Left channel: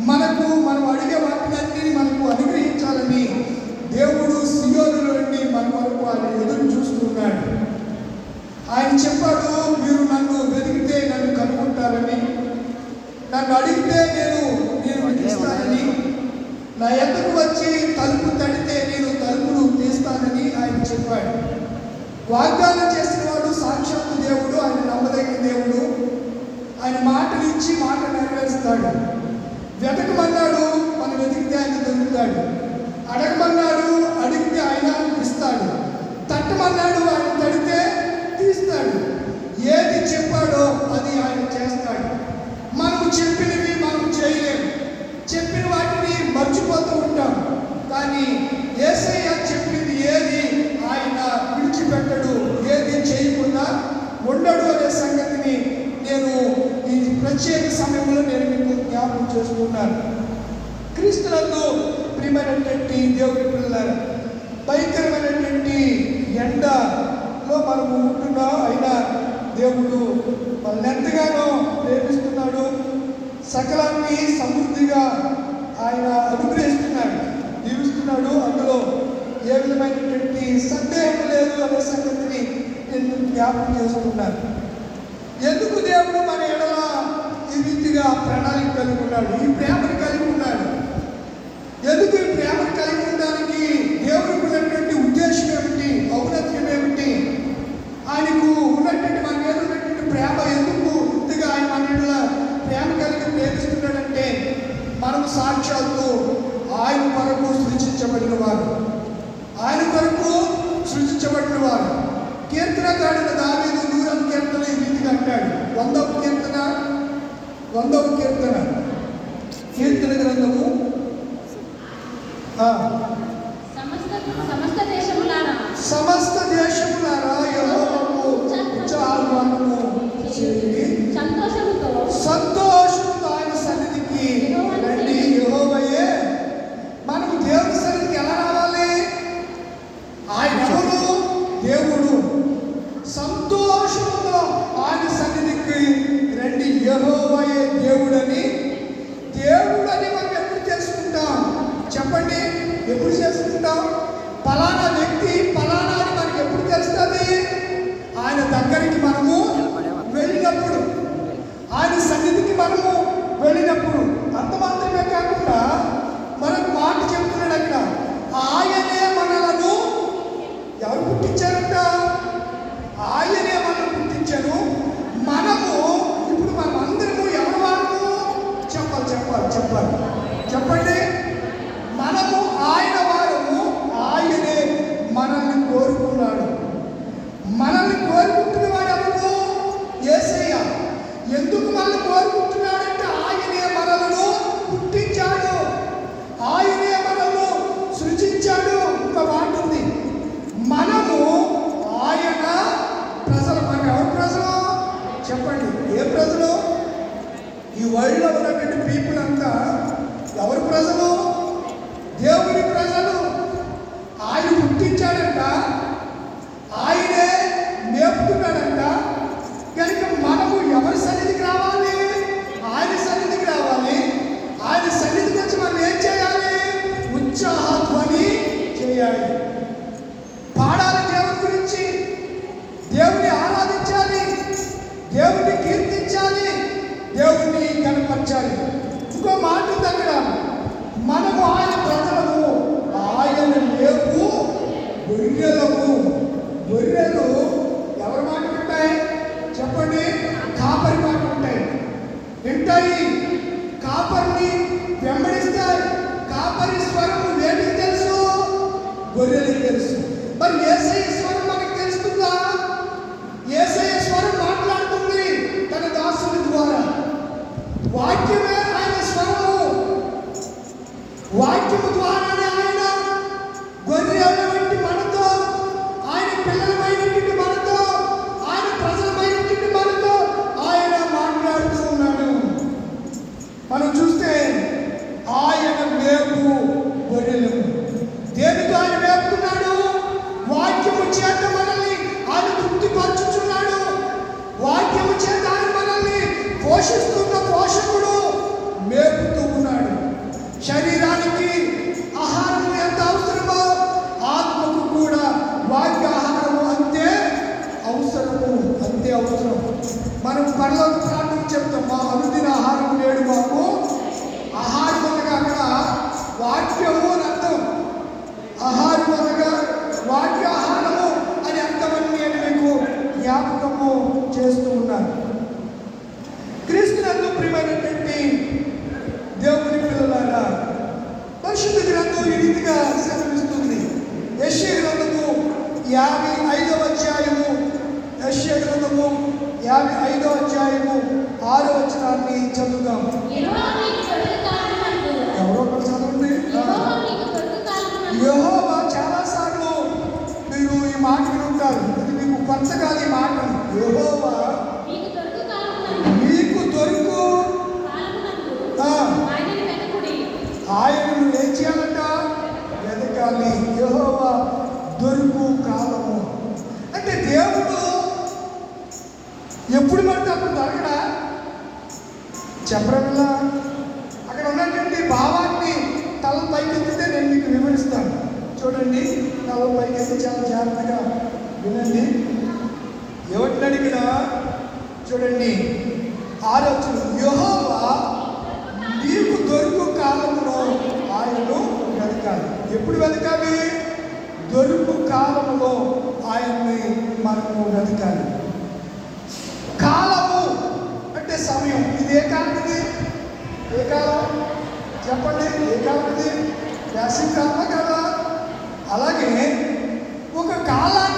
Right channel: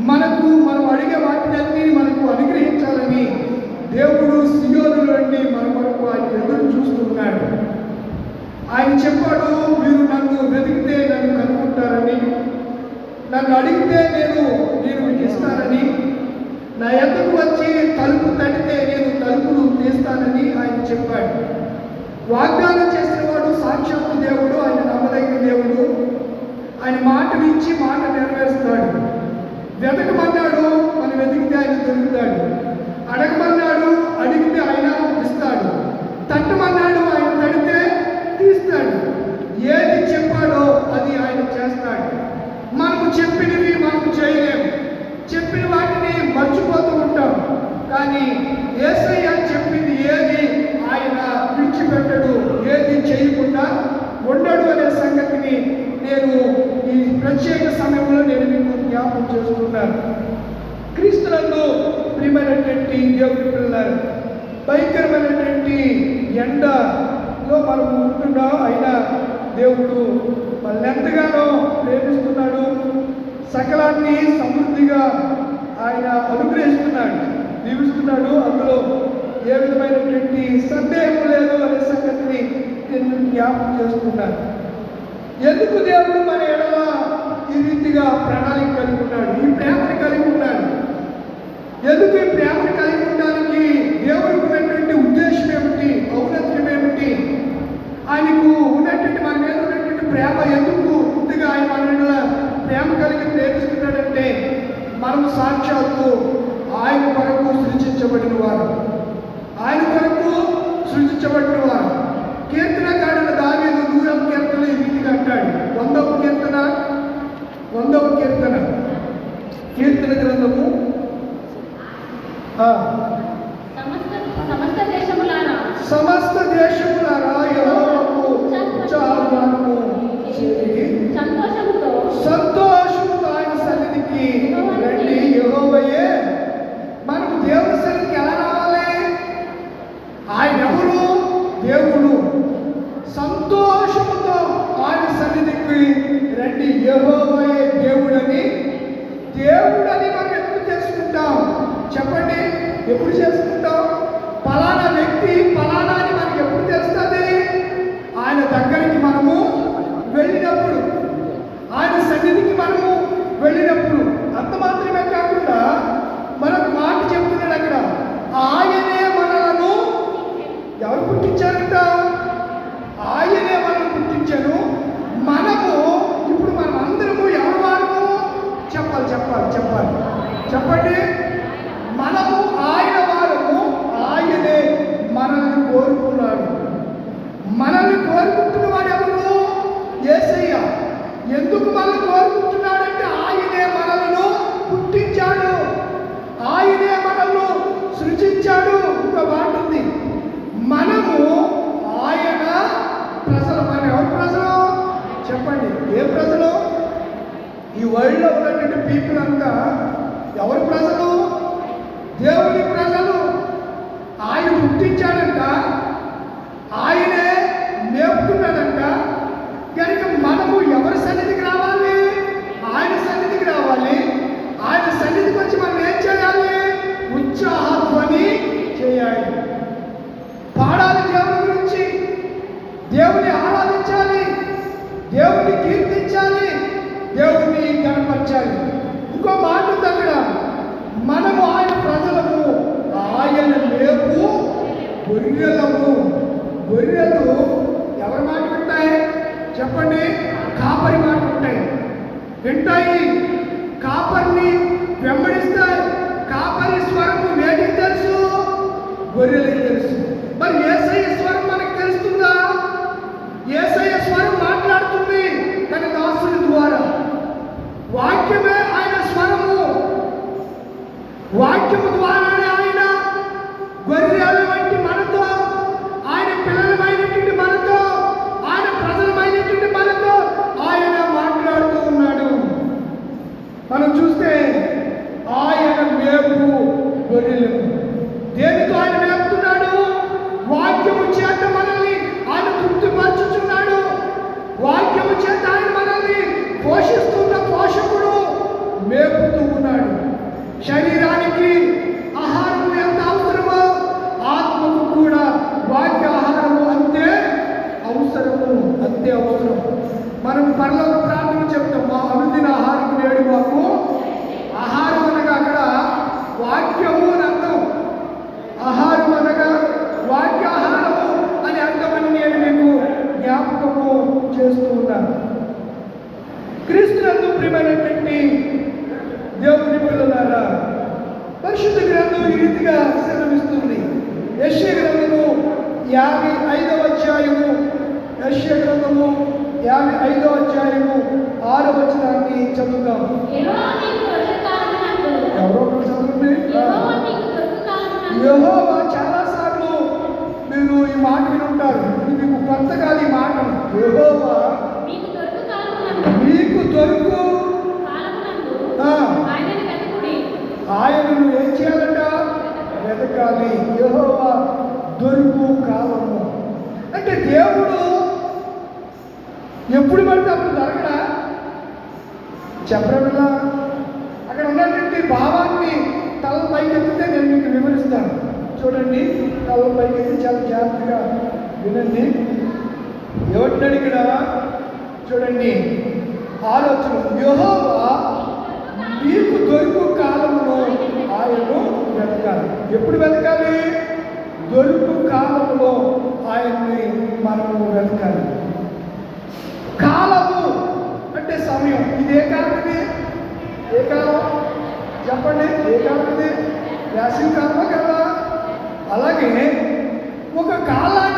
మనకు మనం అడిగే వాటిని మనకు అనుగ్రహించాలని దేవుడు సియోనులు అండి మన వరకు ఆయన ఎదురు చూస్తున్నాడు. ఆయన చెప్పాడు మీరు నన్ను వెతికితే నన్ను కనుక్కుంటారని. నన్ను అడిగితే నేను నేను ఇస్తానని. నా ఎద్దకు వచ్చి తలుపు తడితే నేను తలుపులు తీస్తానని ఆయన చెప్పాడు. వాగ్దానం చేసిన వాడు సాక్షాత్తు దేవుడు ఆయన నమ్మదగిన దేవుడు. ఆయన మాట ఇచ్చి మాట నెరవేర్చాడు పూర్తిగా ఆయన అనుగ్రహిస్తున్నాడు దీవిస్తున్నాడు. అందులో ఏ విధమైనటువంటి సందేహం లేదు అనే సంగతిని నేను జ్ఞాపకం చేసుకున్నాను చెప్పండి ఏ కాలం ఇది వేసవి కదా. అలాగే ఒక కాలాన్ని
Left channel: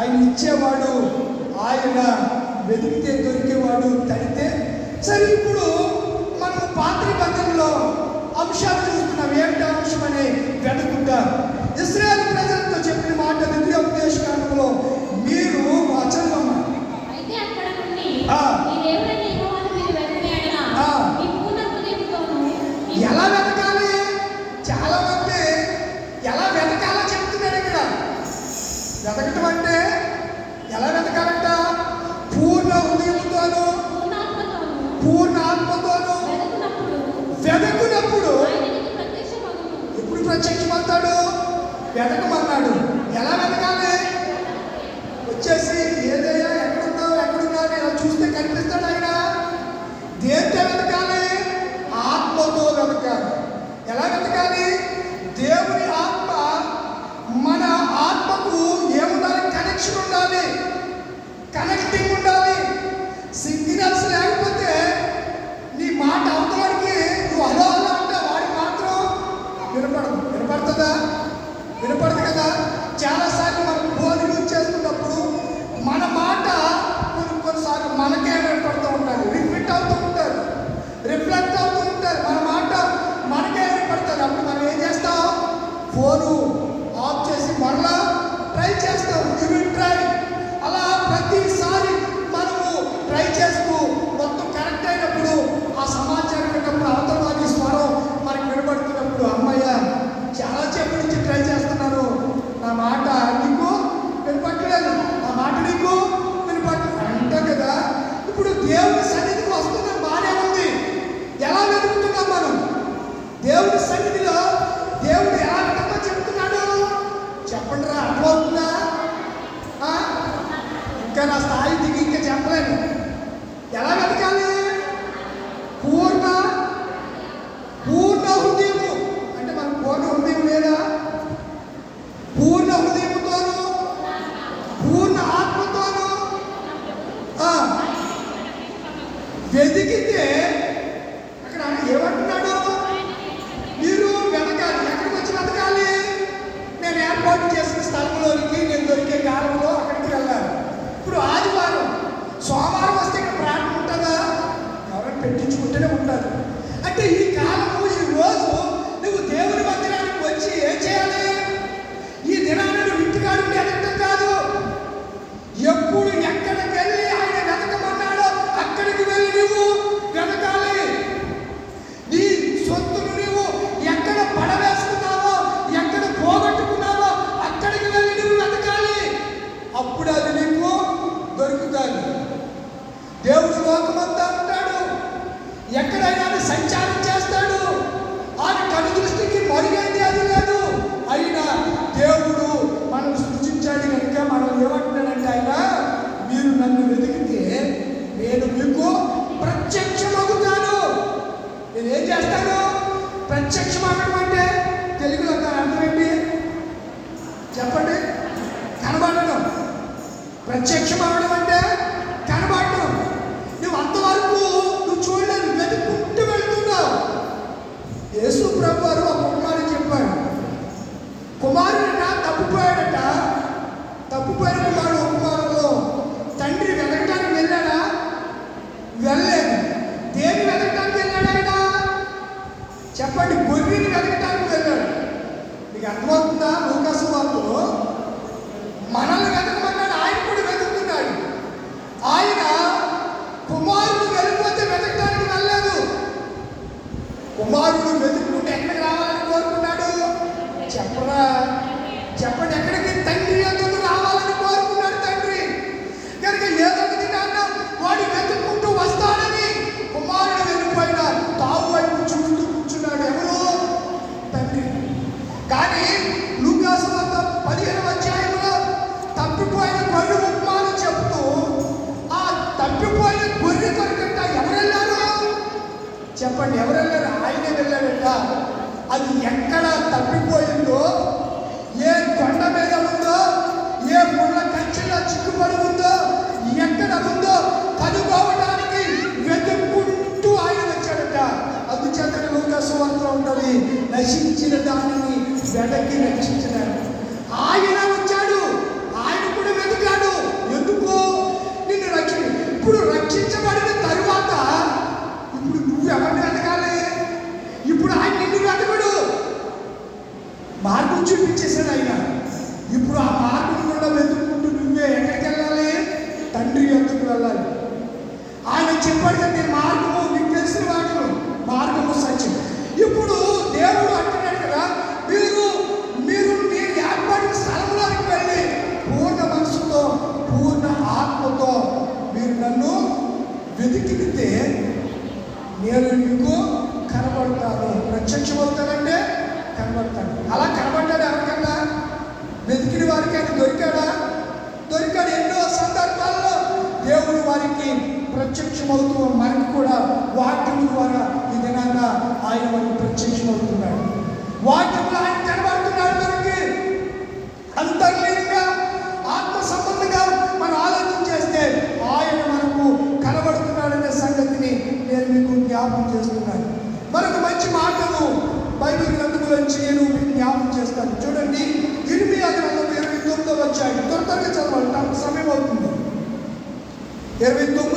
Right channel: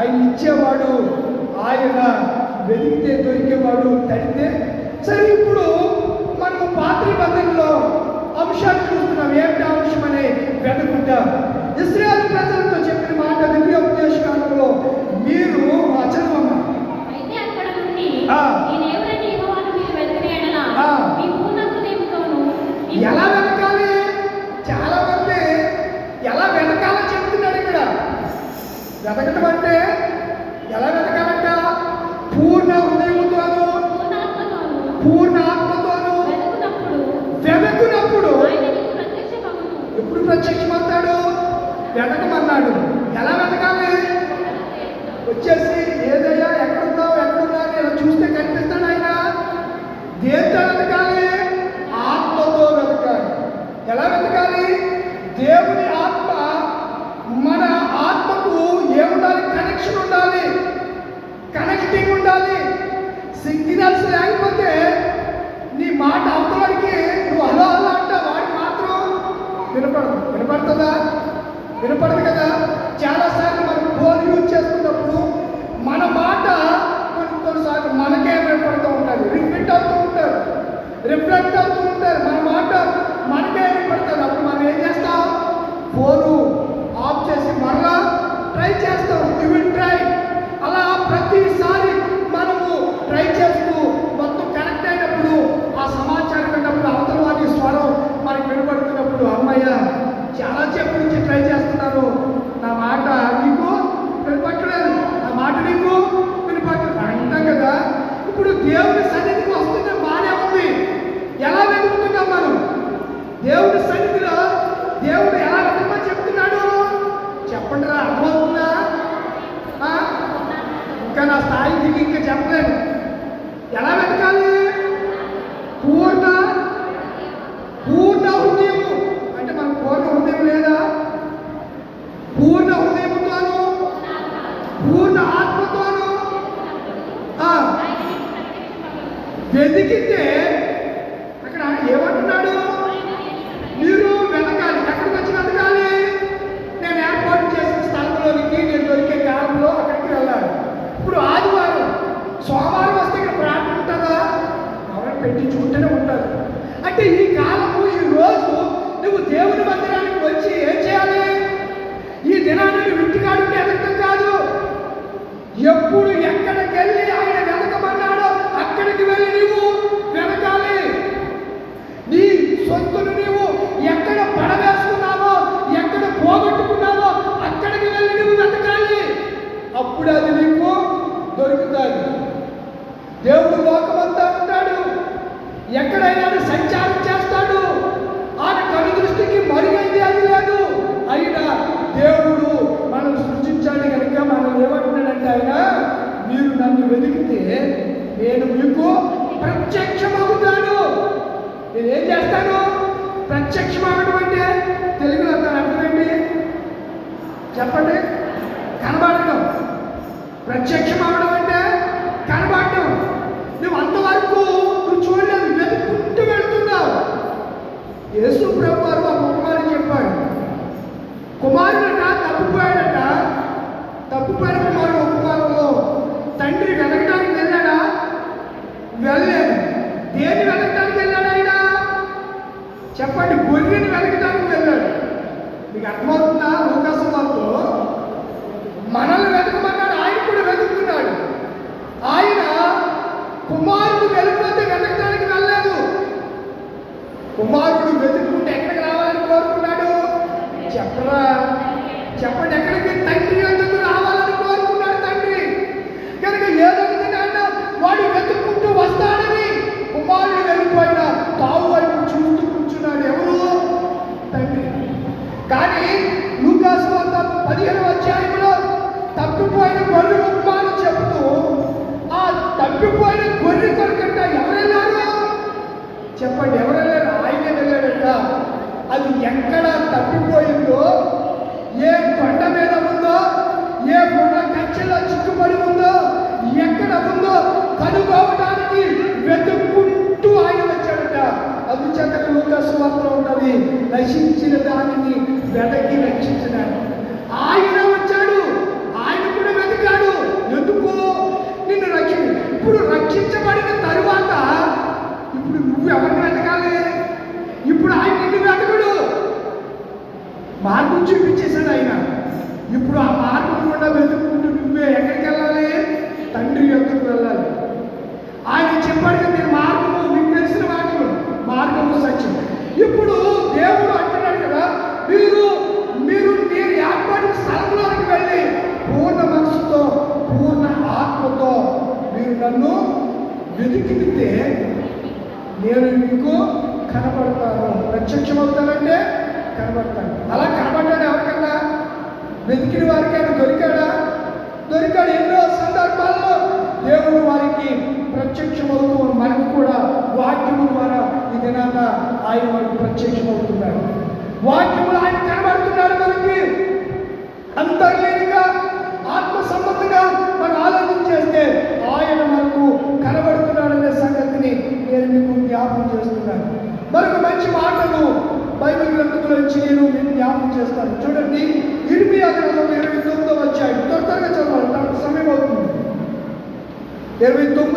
ఆయన ఇచ్చేవాడు ఆయన వెతికితే దొరికేవాడు తడితే సరే ఇప్పుడు మనం పాత్రి బద్దల్లో అంశాలు చూస్తున్నాం ఏమిటి అంశం అనే వెతుకుంటాం ఇస్రా వెతకమన్నాడు. ఎలా వెతకాలి? వచ్చేసి దేవుని cuerpo నశించిన దానిని వెనక్కి రక్షించడానికి. వెతికితే నేను ఇంకో కనబడతాను. ప్రత్యక్షమవుతానంటే కనబడతాను. అలా కనబడ్డాడు ఎవరికన్నా వెతికిన వారికి ఆయన దొరికాడా? దొరికాడు ఎన్నో సందర్భాల్లో. దేవుడు వారికి ప్రత్యక్షమవుతూ మనకు కూడా వాక్యము ద్వారా ఈ దినాన ఆయన వారికి ప్రత్యక్షమవుతున్నాడు. వాక్య అనుభవిస్తున్నాను మరొక మంచి మాటను బైబిల్ గ్రంథం గురించి నేను మీకు జ్ఞాపకం చేస్తాను. చూడండి ఇరిమియా గ్రంథం ఇరవై తొమ్మిదో వచ్చాయి త్వర త్వరగా చదవాలి సమయం అవుతుంది. ఇరవై తొమ్మిది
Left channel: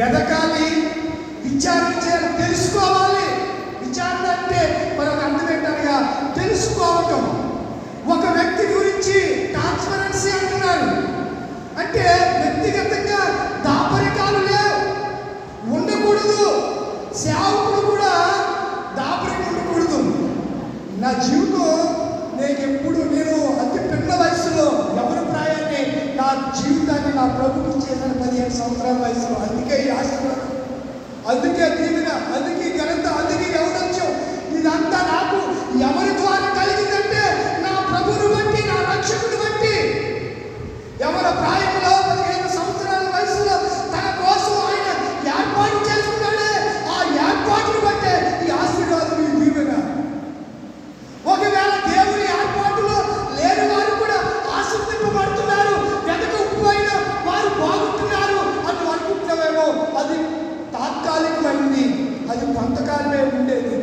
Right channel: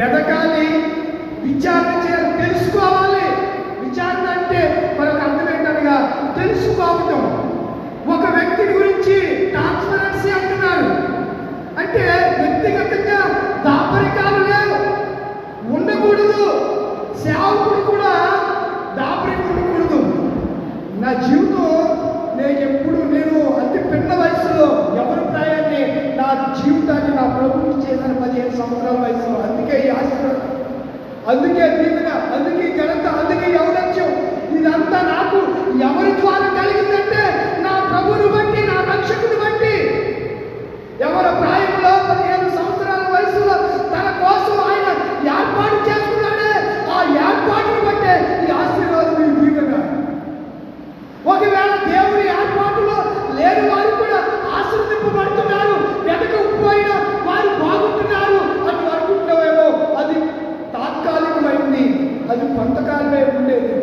Pé da gente